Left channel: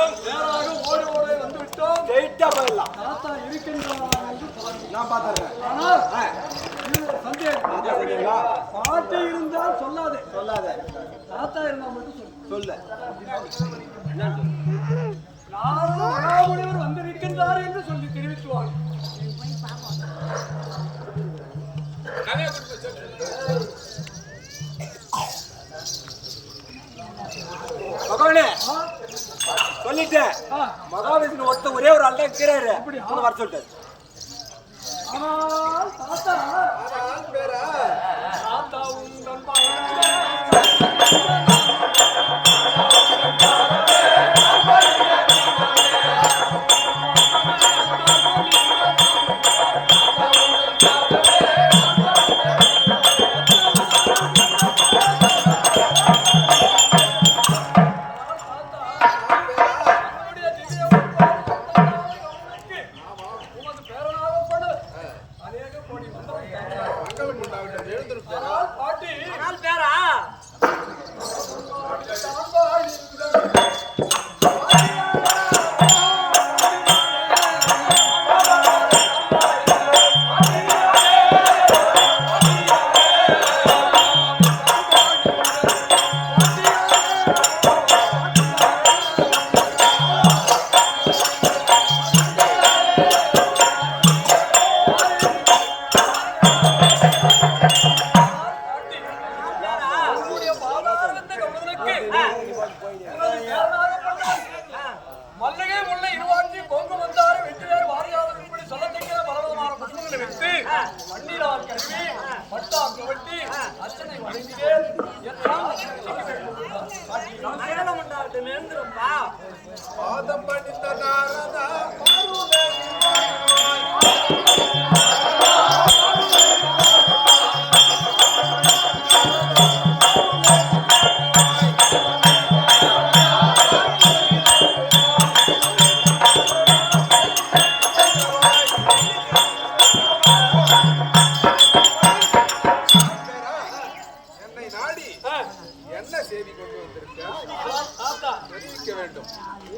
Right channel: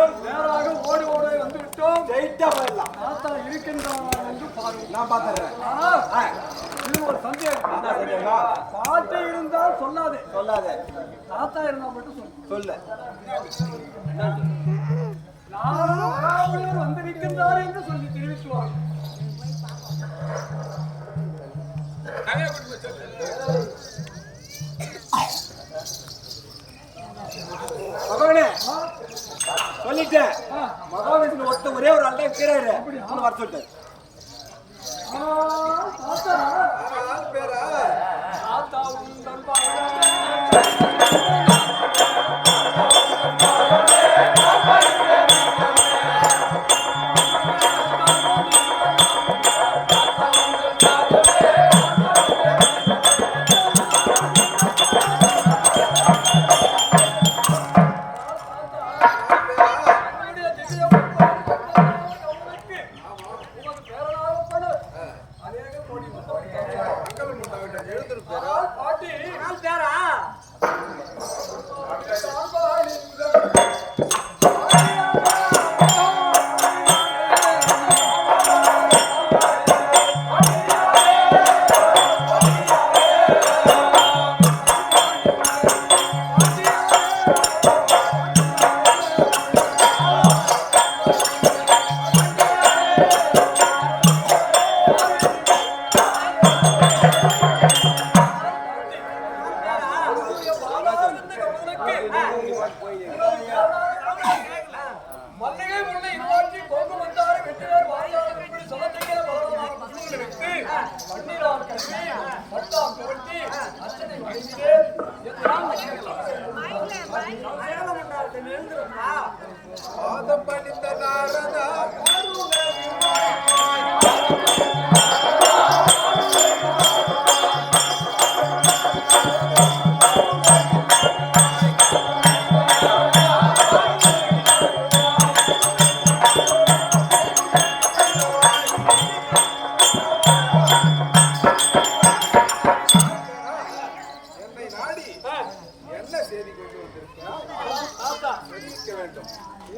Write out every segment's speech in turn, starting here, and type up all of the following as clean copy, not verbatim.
வேண்டும். நேராக ஓடி ஓடி வந்து விட்டோம். ஸ்ட்ரைட்டா போயிடலாம். தாத்தா இருக்கின்றாரா என்று பாருங்க. நான் பாத்துறேன். இது ஒரு சந்தேகம். என்ன சந்தேகம்? பாட்டி இருந்தால் சொல்லாதே. சொல்லாதே. தாத்தா இருந்தால் மட்டும் சொல்லு. சொல்லு. என்ன சொல்லு? நாரத மகாமுனிவர் வந்திருக்கின்றார் என்று சொல்லி தெரிவித்துவார். மகனே சொல்லிட்டேன். மகாவிஷ்ணு ஒருத்த ஒரே ஒரு ஆள் தான் இருக்கிறாரு. வர சொல்லிட்டாரு. ஆனால் தாத்தா பேரா தாத்தா உண்டன் மல்லிகை முல்லை இருவாட்சி கொங்கு வந்தாறு வெற்றியார் வாரியாளர் இப்படி சொல்லத்தக்க பலவிதமான புத்தகங்களை வைத்து பன்னீரால் கழுவி பட்டாம் துவட்டி அர்ச்சனை வழங்கினேன் பாதம் படித்த நாரதா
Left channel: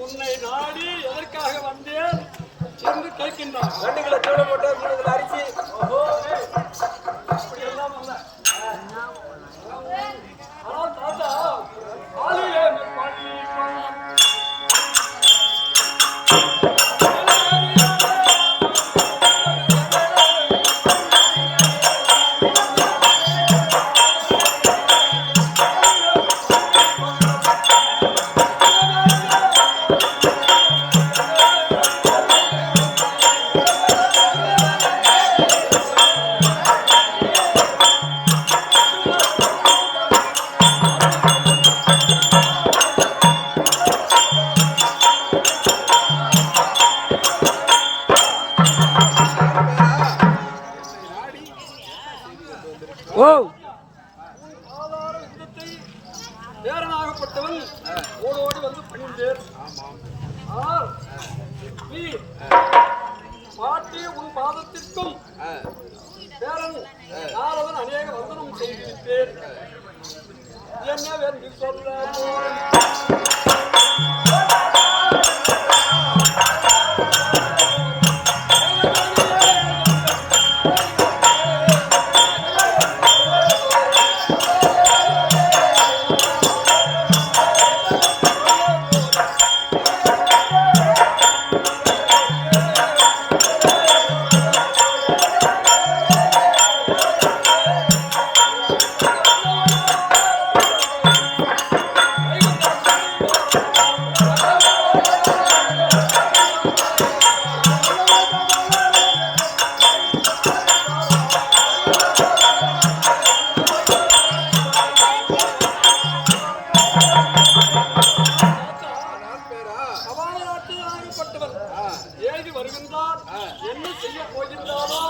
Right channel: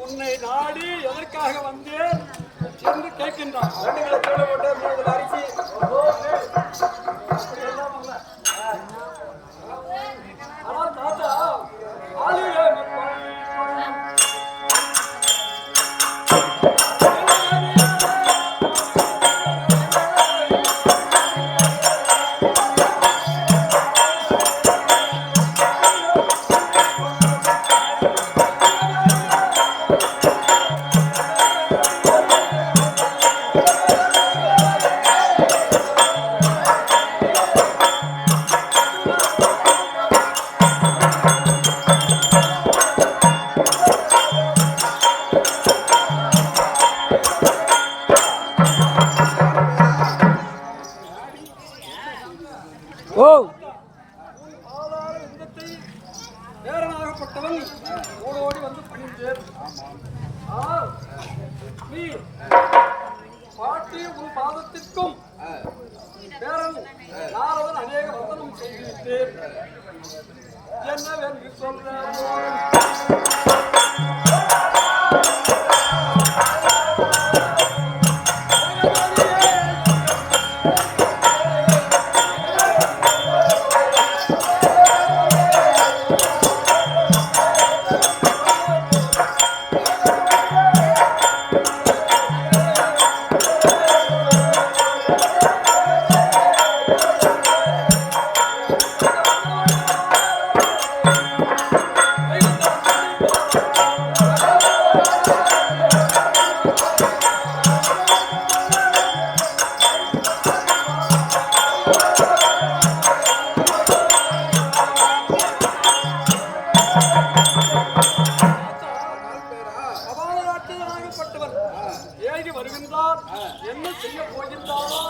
உன்னை நாடி எதற்காக வந்தேன் என்று கேட்கின்றான். 2 கிலோ சோளம் போட்டு 3 கிலோ அரிசி. அப்படி எல்லாம் அல்ல. ஆனால் தாத்தா ஆளுநர் பள்ளி பண்ணம் ஆதார விந்தத்தை பேரனாகப்பட்டவன் ஓடோடி வந்து பணிந்தேன். ஆனால் நீ பாட்டி உன் பாதத்திற்கும் பேரன் நாரதன் அநேக வந்தனம் செய்துவிட்டேன். என்னவென்று சொல்ல போறேன். ஏகி வருகின்றார். என்ன செய்ய போகின்றாரோ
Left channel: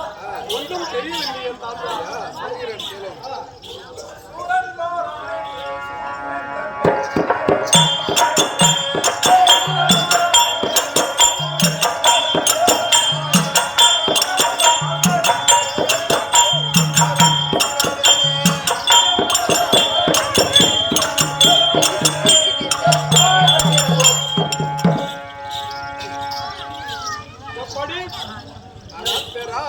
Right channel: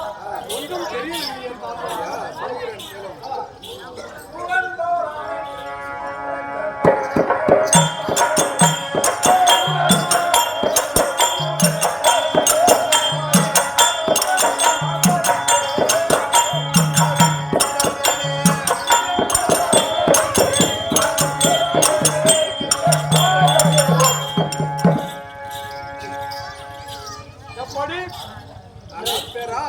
ஒன்றும் தெரியவில்லையே தாத்தா. சொல்கிறேன் கேளும். எப்படி ஆனால் பேரா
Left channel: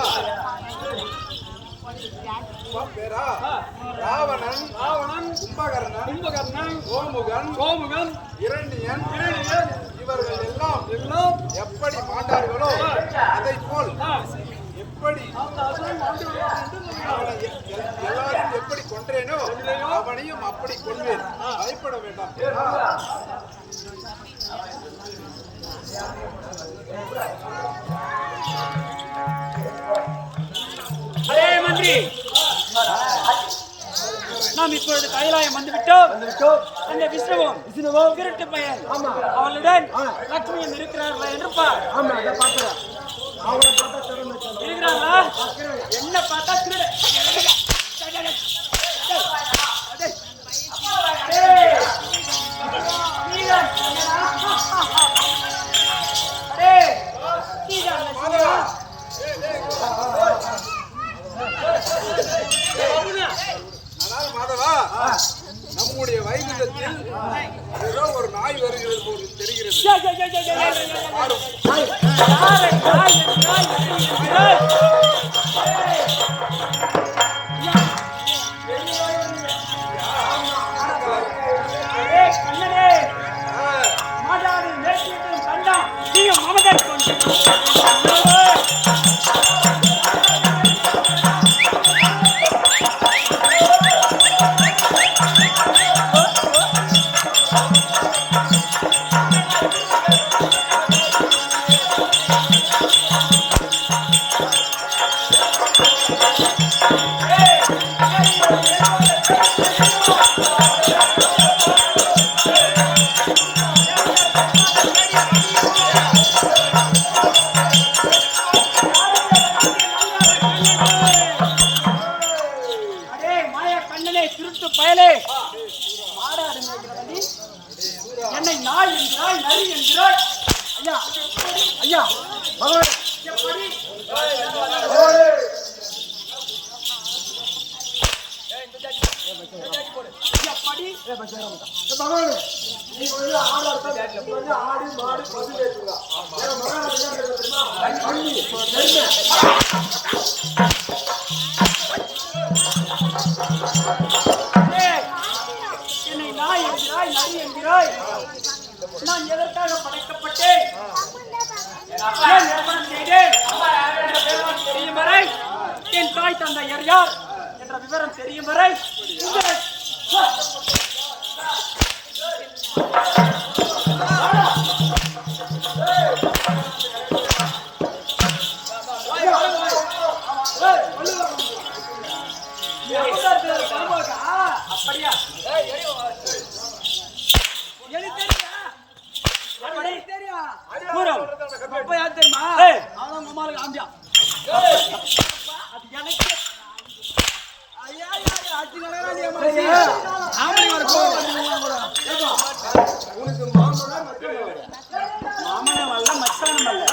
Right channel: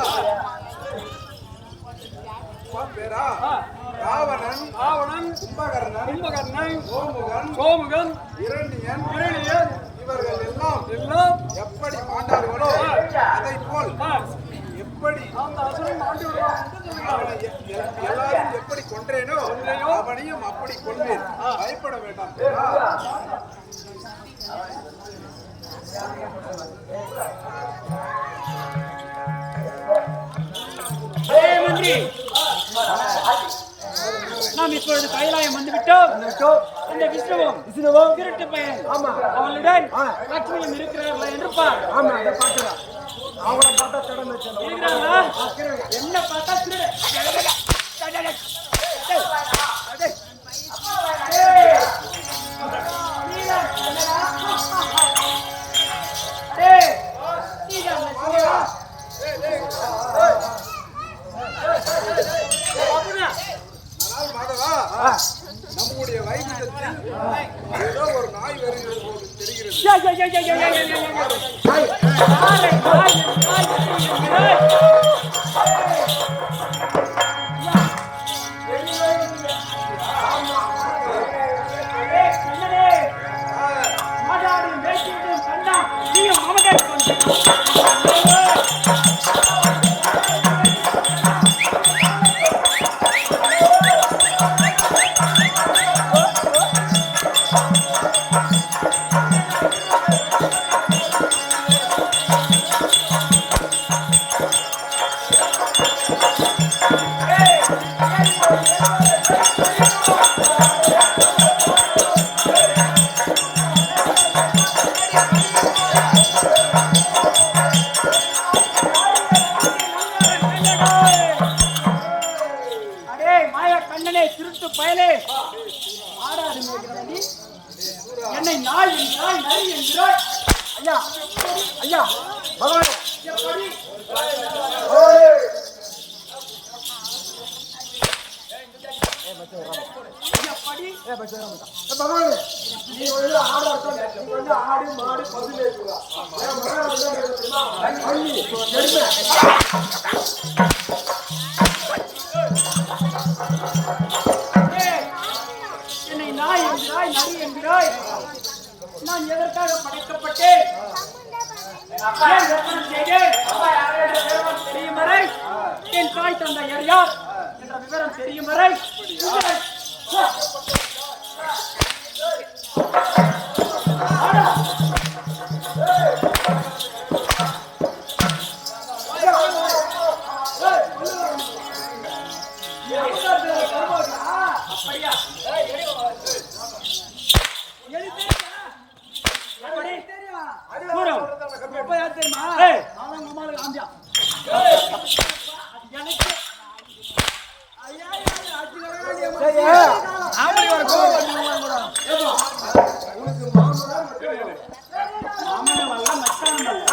ராவணன் கும்பகர்ணன் கோமுகன் இரணியன் இவர்கள் எல்லாம் எப்படி மாண்டார்களோ அதை போல் எப்படி அந்த அசுரன் மாண்டு வருவான் என்று சொல்கிறார். அவனை எல்லாரும் எப்படி கொன்றேனோ அவனையும் அப்படி கொள்வேன். பயப்பட வேண்டாம் பேரா. அதே மந்திரி, நாம் இப்பொழுது கைலாயம் வந்துவிட்டோம். அந்த விஷ்ணுவும் திருட்டு பையன் அவளுடன் லட்சுமியும் இருக்கிறார்களா என்று பார். ஆமா, அதை பார்க்கிறேன். அவங்கள பார்த்தா திறந்து இருக்கிறாங்களா? என்ன பார்த்தா திருட. ஆனால் மாதவா, நம்முடைய வைகுந்தத்தில் ஏதோ ஒரு நாய் வருகிறது போது தெரிகிறது. மாறும் மாதாடி மேற்கும் கண்டா நீயும் மமதை கொண்டு திருட்டு பயலே, என்னை நாய் என்கிறாய், நரி என்கிறாய். ஐயா ஐயா எப்படி பகவானே, நீ வந்து ஆடா இருக்கா, நீ வந்து ஆடு மாடு பசு மேய்ச்சுங்க. மகாராஜா தான் கேட்க தெரியுமா? பள்ளி நெருமை என்னை நாய் என்கிறாய், நரி என்கிறாய். நான் எதற்காக படைக்கப்பட்டேன், ஏன் நிர்பணம் செய்தேன் என்ற விவரம் தெரியும் வரை, என் தாய் தந்தை யார் என்ற விவரம் தெரியும் வரை அப்படியா? உனக்கு மாமனா மாமன வல்ல மச்சவன் அல்ல.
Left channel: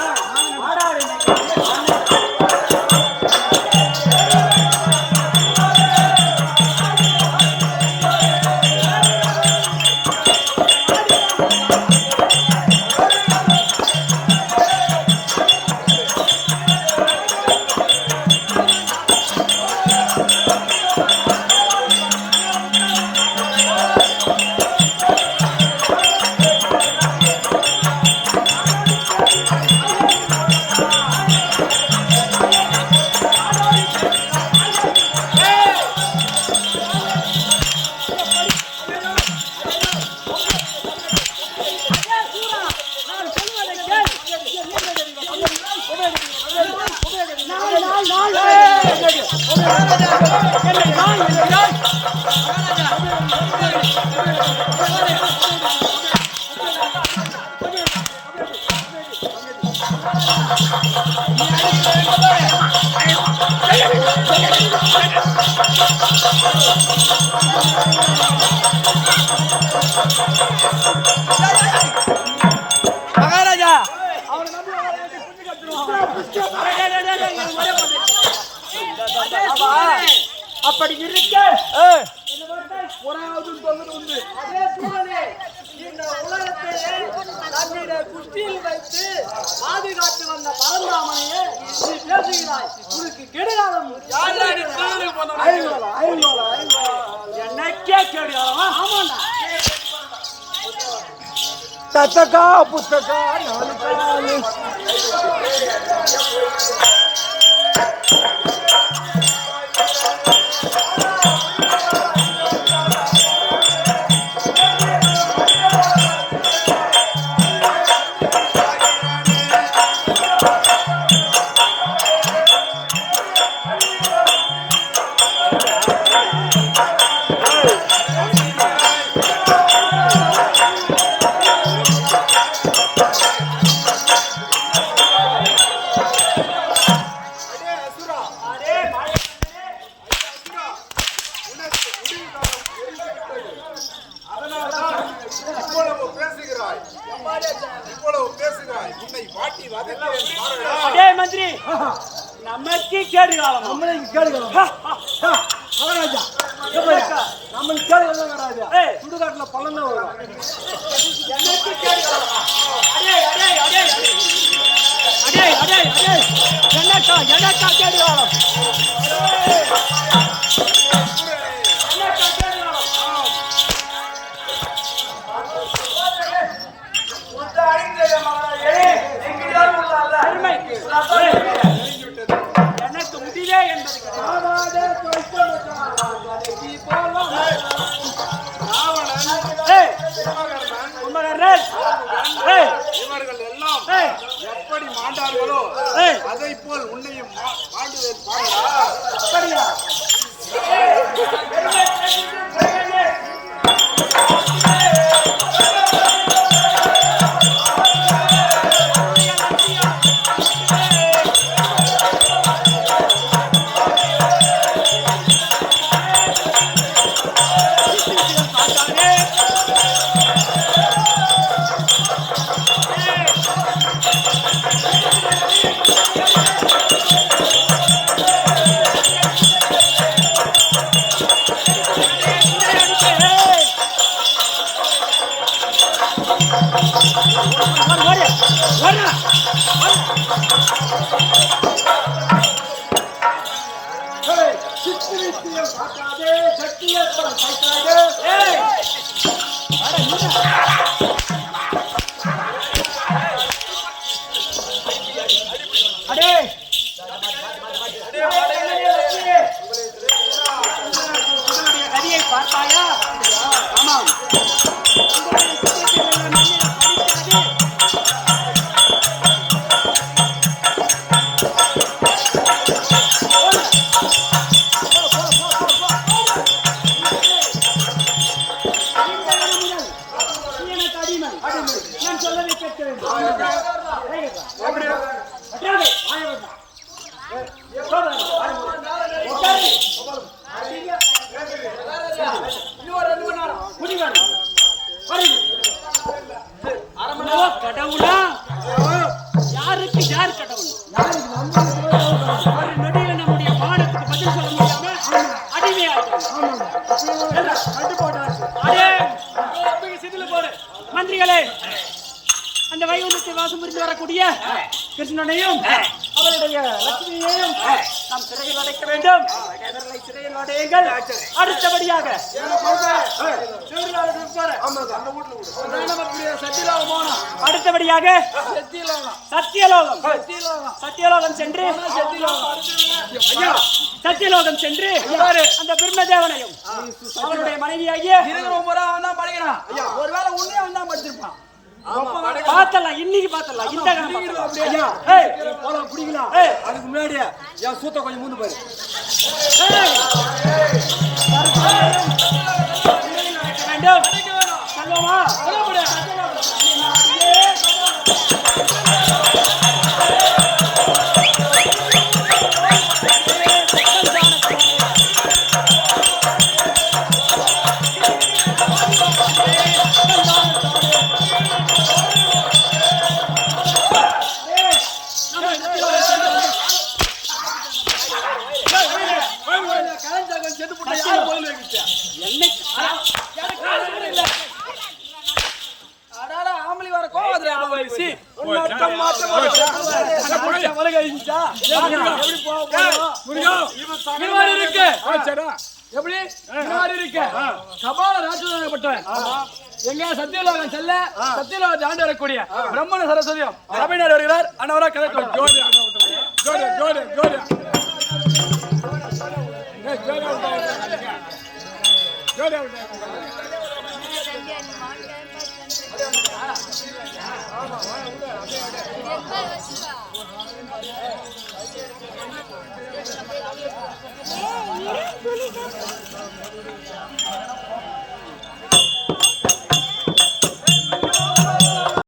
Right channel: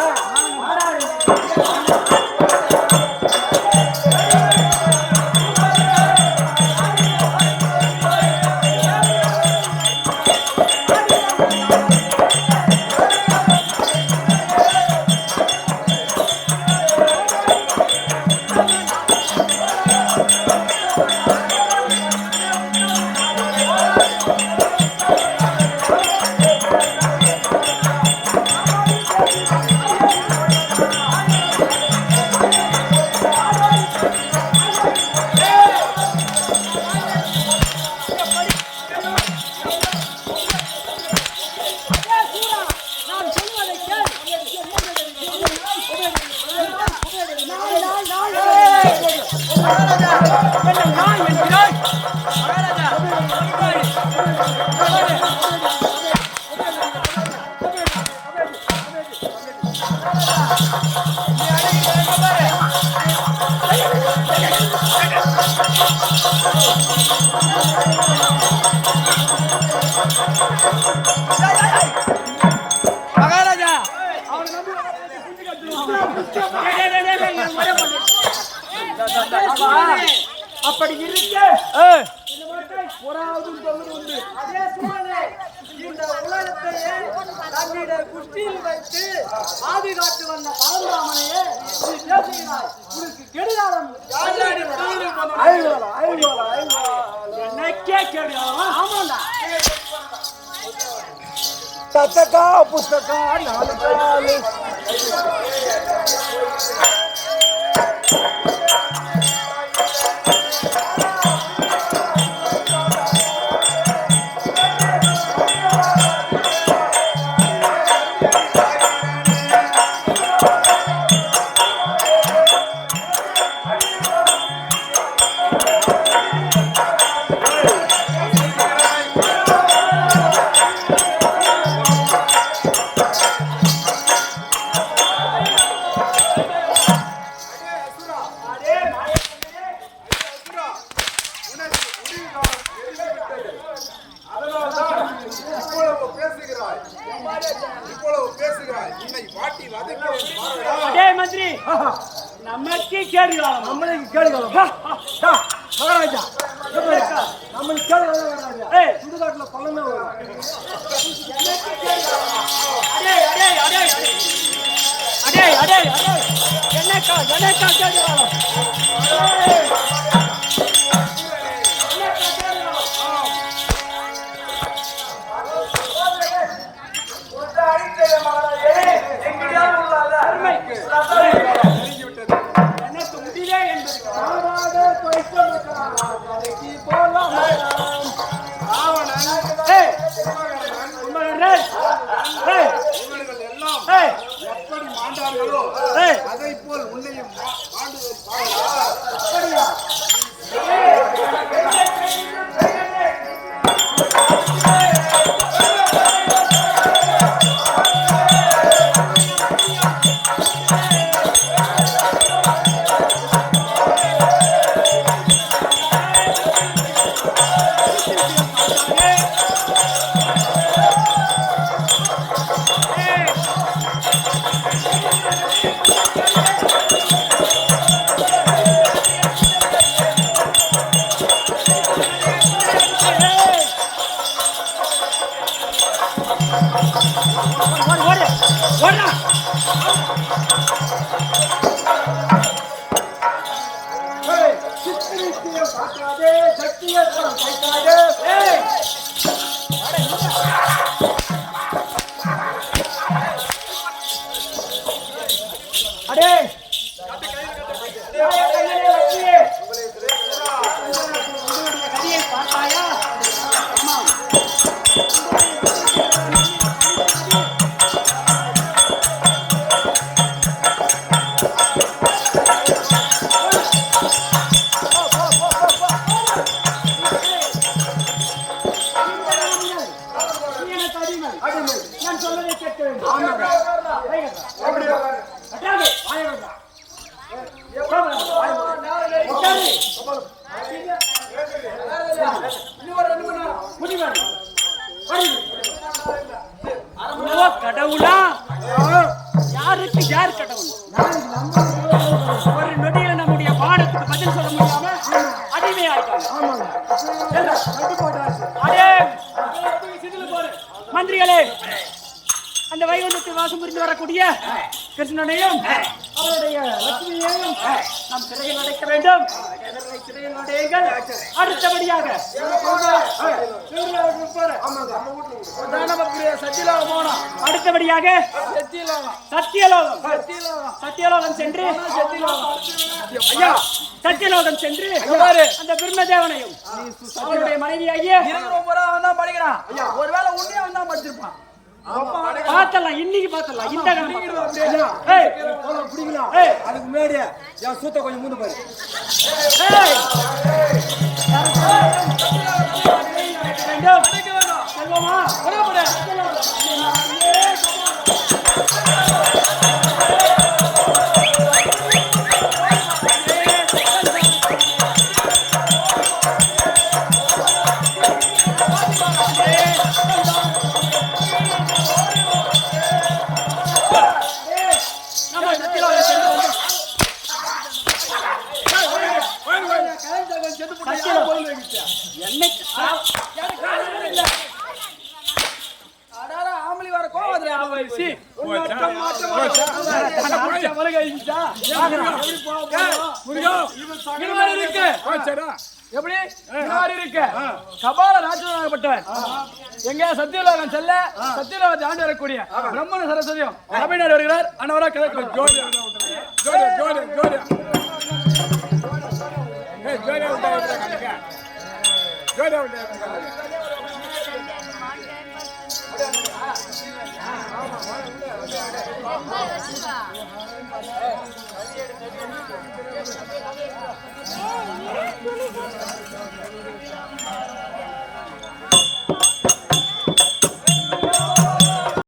மகாராஜா அப்படி இருக்க உலகத்தை புறாவது தொங்குது உண்டு. அதே சூழலே இந்த உலகத்தையே தன்னிட குஷ்டியில் வைத்து பாதுகாத்து வந்த பரந்தாமனையே நீ பேசுகிறாய். உனக்கு கெடுகாலம் என்னைக்கே கெடுகாலமா? ஆமாண்டா. தத்தக்கா புத்தக்கா நாலு காலு பேசுகிறாய். உன்னை வாட்டி வதக்கிறேன் பாருடா. மந்திரி நமக்கு கேடுகாலம். நம்மளுக்கு கேடுகாலம் மகாராஜா. நம்மளுக்கு கேடுகாலம் வராது. சுடுகாட்டுல பள்ளம் தான் வரும். எனக்கு கேடுகாலமா? அடே அடே அடே அடே அடே அடே எனக்கா கேடுகாலம்? எனக்கா கேடுகாலம்? எனக்கு முடிவே என்பது ராவணன், கும்பகர்ணன், இவர்கள் எல்லாம் எப்படி மாண்டார்களோ அதை போல் உன்னையும் மாண்டுவேன் பாருடா. அப்படியா? அடே உங்களுடைய கதியை பார்த்தாயா? ஆமாம். நான் சொல்லதை கேட்க வேண்டும். கடவுளா? யாருக்கு யார் கடவுள்? ஒரு நொடியில நம்முடைய பாடத்துக்கு பதில் சொல்ல முடியாம அடிமையாயிட்டாங்க. மந்திரிகளே, அந்த வைகுந்தத்தை வாசம் புரிந்து வரக்கூடிய கிருஷ்ணனையும் அவருடைய லட்சுமியையும் நாம் சிறையில் அடைக்க வேண்டும். சிறையில் அடையுங்கள். அடுத்தபடியாக அடுத்தபடியாக சத்தியலோகம் சென்று சத்தியலோகம் சென்று அந்த பிரம்மதேவனையும் அவருடைய மனைவியாகிய படிக்கிறான். ஒருவேளை உன்னையும் அவன் தான் படிச்சிருப்பான். பாத்தலாம், இன்னைக்கு பாத்தலாம். குடிக்கலாம். அதுக்கு முன்னாடி என் சூத்த கொஞ்சம் மூந்து பாரு. செல்வமா என்னை எப்படி இருக்கு கபால ராஜனாகப்பட்டவன் எங்க சத்தியலோகம் செல்ல சத்தியலோகத்தை ஆண்டு வரக்கூடிய பிரம்மண சரஸ்வதியும் தமிழ்நாடு வருகிறார் அண்ணவரா கதை ஆமா